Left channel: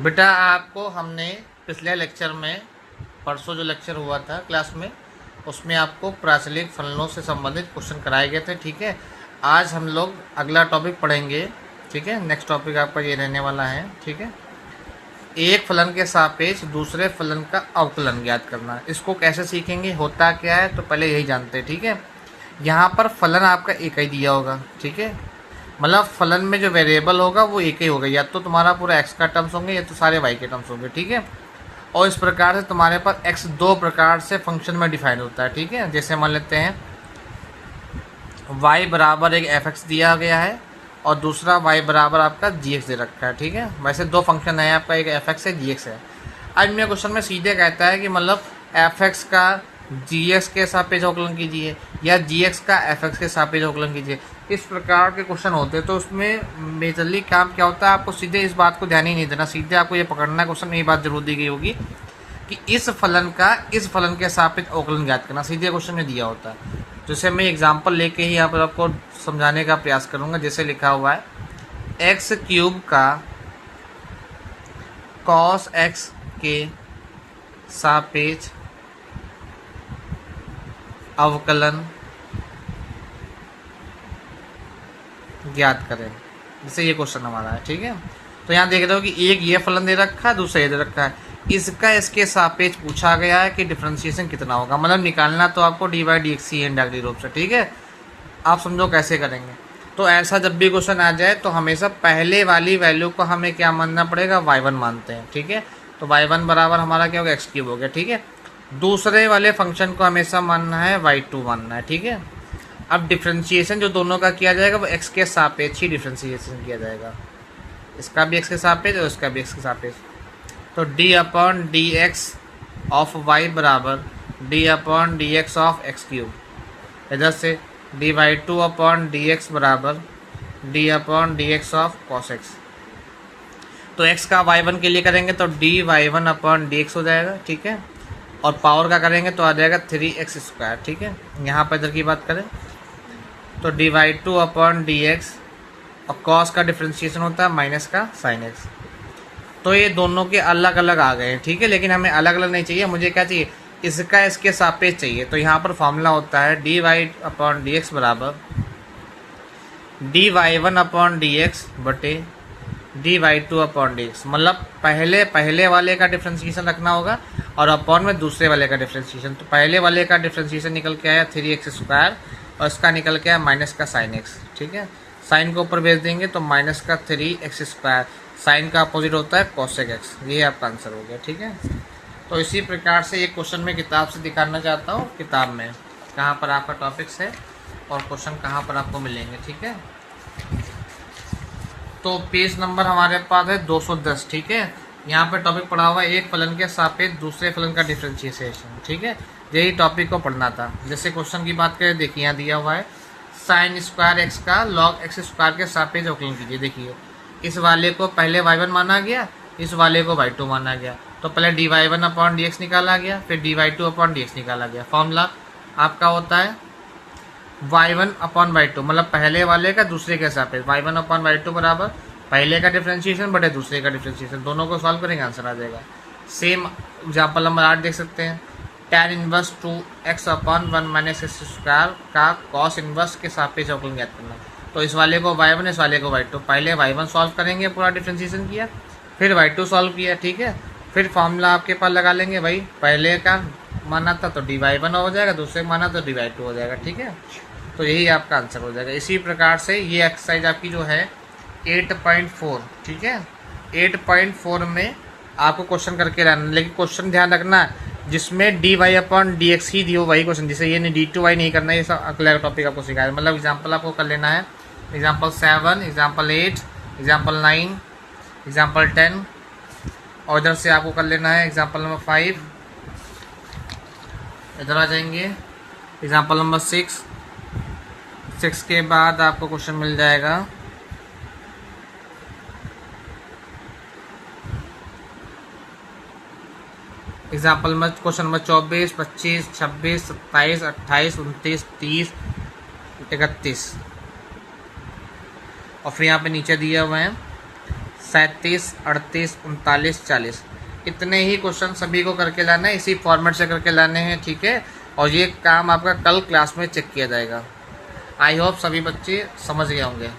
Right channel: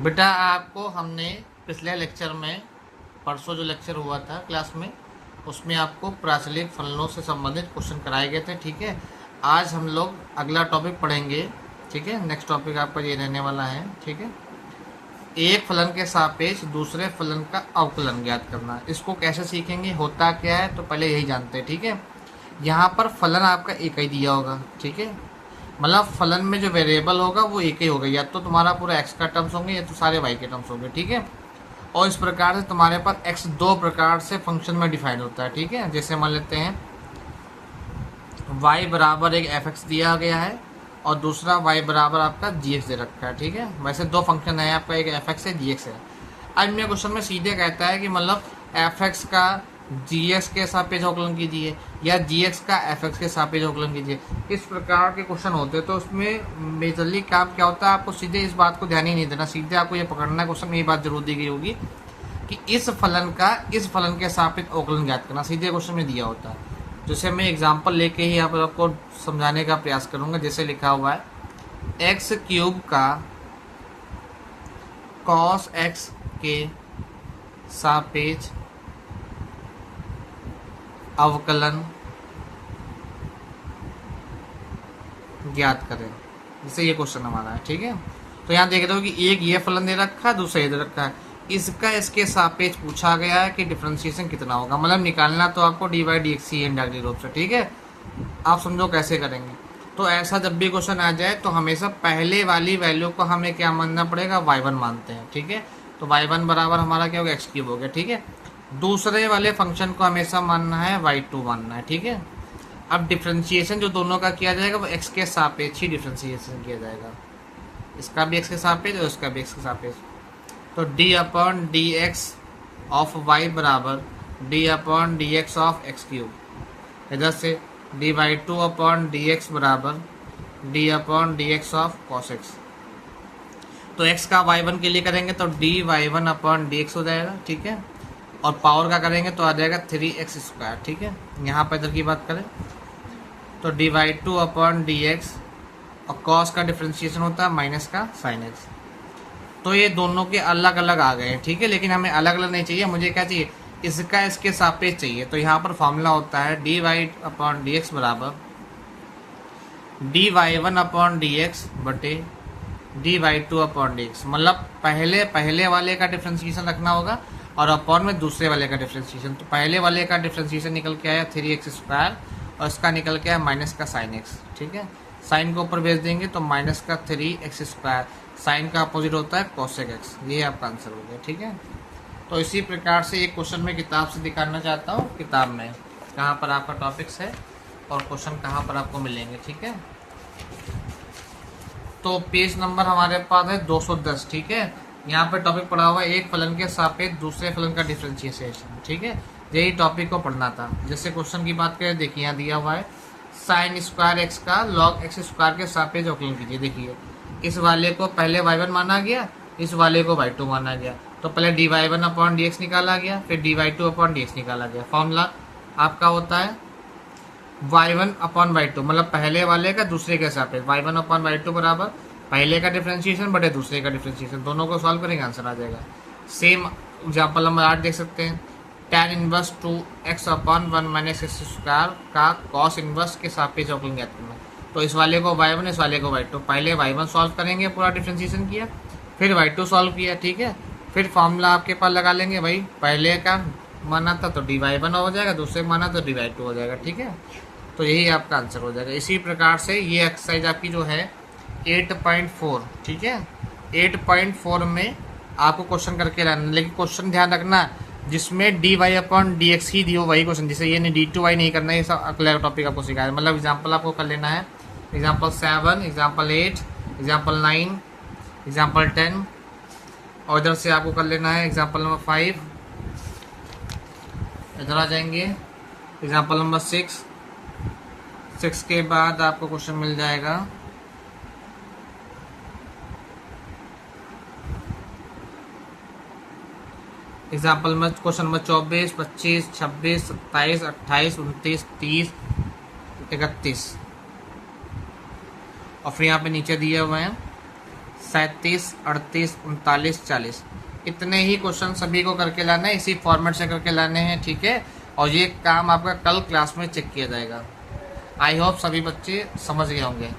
बेटा आपको हमने पिछले लेक्चर में, परसों जो लेक्चर हुआ था क्लास में, उसमें आपको प्राचलिक फलनों से संबंधित क्वेश्चन कराए गए थे। ठीक है, आज हम लोग अगला टॉपिक पढ़ेंगे। ठीक है, नेक्स्ट टॉपिक आपका ये रहने वाला है। ठीक है, एक फलन के सापेक्ष दूसरे फलन का अवकलन ज्ञात करना। इसको कैसे सीखेंगे, होता क्या है, तो पहले यही जानते हैं। ठीक है, यहाँ पर फलन आपका एक ही दिया होगा। ठीक है, मतलब फलन में जो वेरिएबल होगा वो एक ही होगा, या तो तुम्हारा पूरा एक्स का टर्म्स होंगे या तो सारे वाई के टर्म्स होंगे। ठीक है, और इस प्रकार से तुम्हारे पास एक्स दो प्रकार से फंक्शन में डिफाइन होता है। ठीक है, जैसे मान लेते हैं वाई बराबर एक एफ एक्स दिया गया है और दूसरा वाई बराबर आपका जी एक्स दे रखा है। ठीक है, वैसे दो फंक्शन है आपका, एक एफ एक्स है, जी एक्स है। आज मेरे क्वेश्चन में सीधे कहता है कि मतलब एफ एक्स का जी एक्स के सापेक्ष अवकलन कीजिए या जी एक्स का एफ एक्स के सापेक्ष अवकलन कीजिए। इस प्रकार के क्वेश्चन होते हैं, तो उसमें मेजरली काम क्या होता है, आपको सीधे इस बात को ध्यान ही नहीं देना, सीधे आपको ये पकड़ना क्वेश्चन में ये बात जरूर दी गई होगी कि इस फलन का इस फलन के सापेक्ष अवकलन ज्ञात करना, सीधे क्वेश्चन में दिया होता है। जैसे मैं एग्जाम्पल लेके ही यहाँ पर आपको समझाने का प्रयास करूंगा। जैसे लिखा हुआ है एक्स क्यूब का कॉस एक्स के सापेक्ष अवकलन ज्ञात करें। जैसे ये क्वेश्चन हमारा है। ठीक है, तो यहाँ देख रहे हो कि एक ये फलन दे रखा है, दूसरा ये दे रखा है, इसका इसके सापेक्ष पूछा गया है कि डिफरेंशिएशन कितना होगा, मतलब निकालना तो आपको डी बाई डी एक्स ही है डायरेक्टली रूप से। ठीक है, आप समझो कैसे करेंगे। तो ऐसा जब भी क्वेश्चन आ जाए तो हमेशा पहले वाली वैल्यू को हमें क्या मानना पड़ेगा, y1 मानते हैं। ठीक है, तो y1 बराबर हमारा क्या होगा, एक्स क्यूब हो गया। ठीक है, दूसरे वाले फंक्शन को हमेशा मानना है y2 मानना है। ठीक है, अब डिफरेंशिएशन जो दोनों का किया जाएगा वो x के सापेक्ष ही डिफरेंशिएशन किया जाएगा, इसका भी x के सापेक्ष और इसका भी x के सापेक्ष। तो d upon D x of y बराबर d upon D x of x cube, इधर से d by two upon D x बराबर d upon D x of cos x. तो x का y1 के लिए करेंगे तो D Y one upon D x हो जाएगा। ठीक है, और पावर का करेंगे तो आ जाएगा 3x स्क्वायर। ठीक है, यहाँ पर इधर की बात करें तो D Y two upon D X, और कॉस का डिफ्रेंशिएशन होता है माइनस का साइन एक्स। तो ये दोनों के अलग अलग आ गए हैं। ठीक है, लेकिन हमें अलग अलग नहीं चाहिए, मुझे क्या चाहिए, इसका इसके सापेक्ष चाहिए। तो यहाँ पर फॉर्मूला होता है d y upon D x बराबर d Y one upon D x बटे d Y two upon D x. मतलब पहले वाले का डिफ्रेंशिएशन रखना होगा और अपॉन में दूसरे वाले का डिफ्रेंशिएशन। तो पहले वाले का डिफ्रेंशिएशन निकल के आया 3x स्क्वायर और इसका निकल के आया माइनस का साइन एक्स। ठीक है, साइन को ऊपर भेज देंगे तो माइनस का 3x स्क्वायर, साइन का अपोजिट होता है कोसेक एक्स। ये आपका आंसर हो गया। ठीक है, तो इसी प्रकार से एक क्वेश्चन में किताब से दिखाना चाहता हूँ, किताब में कहाँ पर आपका टॉपिक्स है और क्वेश्चन कहाँ पर आपको मिलेंगे। ठीक है, तो पेज नंबर हमारे पास है 210। ठीक है, यहाँ पे टॉपिक पढ़ा हुआ है एक फलन के सापेक्ष दूसरे फलन का डिफरेंशिएशन। ठीक है, यही टॉपिक को पढ़ना था। जैसे क्वेश्चन की बात करें, देखिए यहाँ दिया हुआ है साइन स्क्वायर एक्स का लॉग एक्स स्क्वायर के सापेक्ष अवकलन कीजिए। देखिए इस वाले को पहले y1 माना गया, इस वाले को y2 माना गया, तो पहले D Y one upon D X निकाला गया, फिर D Y two upon D X निकाला गया। फॉर्मूला आपका होता है y1 अपॉन y2, मतलब पहले वाले का दूसरे के सापेक्ष y1 अपॉन y2 बराबर पहले का डिफरेंशिएशन बटे दूसरे का डिफरेंशिएशन। दोनों को सॉल्व करेंगे, आंसर आ जाएगा। सेम एग्जाम्पल नंबर 8 देख सकते हैं, tan inverse 2x upon 1 minus x square का कॉस इनवर्स के सापेक्ष अवकलन ज्ञात करना। तो इस वाले को y1, इस वाले को y2, पहले y1 सॉल्व करेंगे, पूरा डिफरेंशिएशन किया, फिर y2 सॉल्व किया। ठीक है, फिर फॉर्मूला आपके पास लगा लेंगे, भाई पहले का माना था तो डी वाई वन हो जाएगा, दूसरे माना तो डी वाई टू हो जाएगा। ठीक है, तो यही आपका आंसर हो जाएगा। इसी प्रकार से ये एक्सरसाइज आपकी जो है 8.4। ठीक है, 8.4 में आपको क्वेश्चन करके रहना, लेकिन क्वेश्चन ध्यान रखना जिसमें d y upon D x ही दियो वही क्वेश्चन, जिसे ये नहीं डी टू वाई नहीं करना, ये सब अगला टॉपिक आपको सिखाया। मतलब एग्जाम्पल आपको कर लेना है, एग्जाम्पल 7, एग्जाम्पल 8, एग्जाम्पल 9, एग्जाम्पल 10, और इधर से आपको कर लेना है एग्जाम्पल नंबर 5, इधर आ जाएंगे एग्जाम्पल नंबर 6 के बाद आपको क्वेश्चन मिल जाएगा एग्जाम्पल में क्वेश्चन नंबर 24, 25, 26, 27, 28, 29, 30, 31, और फिर यहाँ पे नीचे दिया हुआ है 37, 38, 39, 40, इतने ही क्वेश्चन सभी को करके लाना है, इसी फॉर्मेट से करके लाने हैं, ठीक है। और ये काम आपका कल क्लास में चेक किया जाएगा। आई होप सभी बच्चे समझ गए होंगे।